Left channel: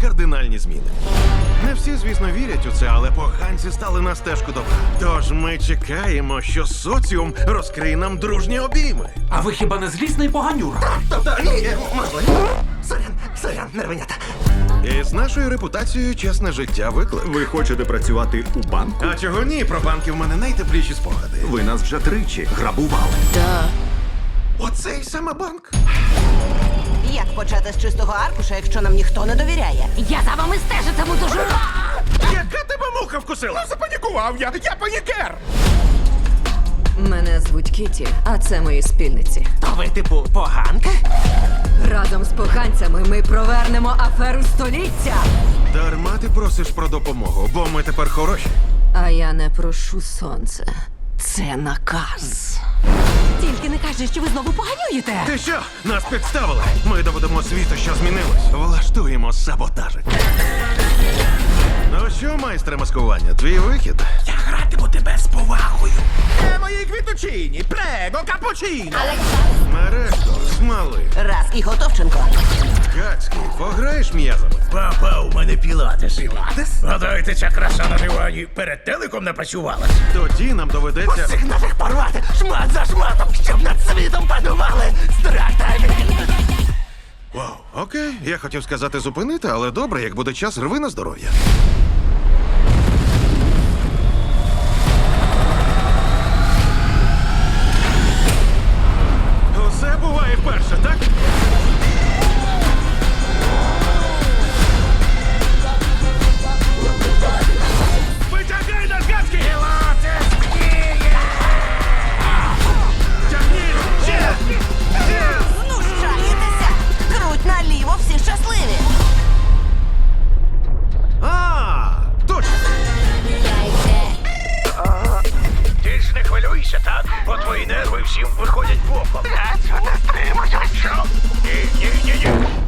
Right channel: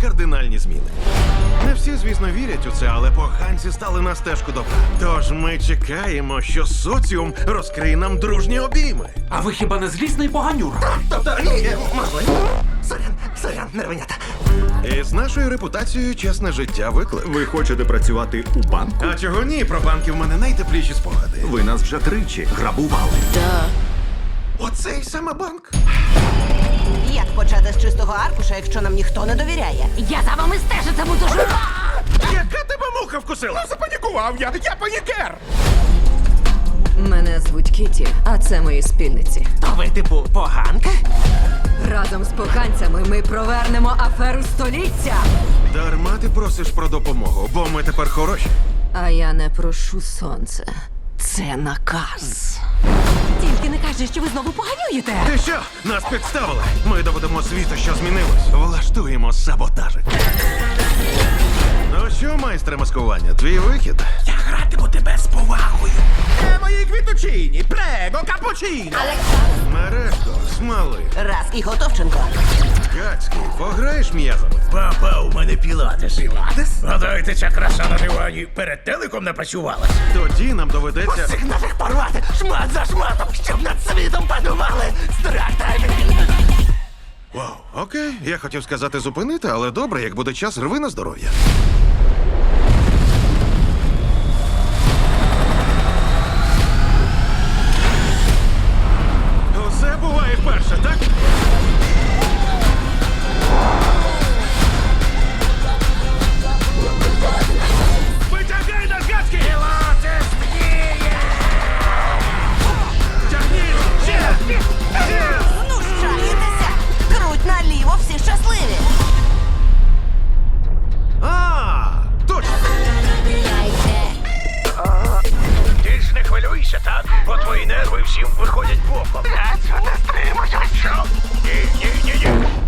кардинальні зміни. Не всі, звісно, вірять у це, але поганці стали на стежку добра. Тож ми чекаємо, що соціум розкриє нам дружні обійми. А ви хіба не злісний поганюр? Тобто, ні, можливо. Сорян, сорян, нервенята. І з нашою репутацією чесне життя виклик. Ви хочете працювати у банку? А чого ні? Про банки в мене найтепліші спогади. Ви нас вже тричі грабували. Оцей саме банк. Як почати з чистого аркуша, якщо нам ніхто не довіряє? Я за вами стежитиму дуже. Яка тебе муха вкусила? Запанікував я, я панікер. Мене звуть Кіті, а це мої спільниці. То ви, типу, поганка? Разом з поганцями ми провернемо аферу століття. Дарма ти просиш про допомогу, бо ми тепер хороші. А я не прошу сонце. Це наказ. Тільки не кажи, що ви знову поганюєте. Ти що? Нас підставили. Ми доведемо світу, що змінилось. Влаштуємо саботажик. Ну що, майстре маскування, твій вихід? Квітучині, прего, капучино. Мережко, смали, Раз і Готовченко. Гацький, пограєш м'язами? Папа, у мене пілатес. Пілатес? Гадаєте, ця краса на дивані перед телеком не працювалась? Тоді нам доведеться. Усіх нафіг порвати, шмат за шматом, щоб над світом панували страх та Вау, окей, я хотів сказати зупинити, але добре, як буде час, рви на здоров'я. Всім виходять боком. Я не стримуюся. Ні, ні, ні, ні.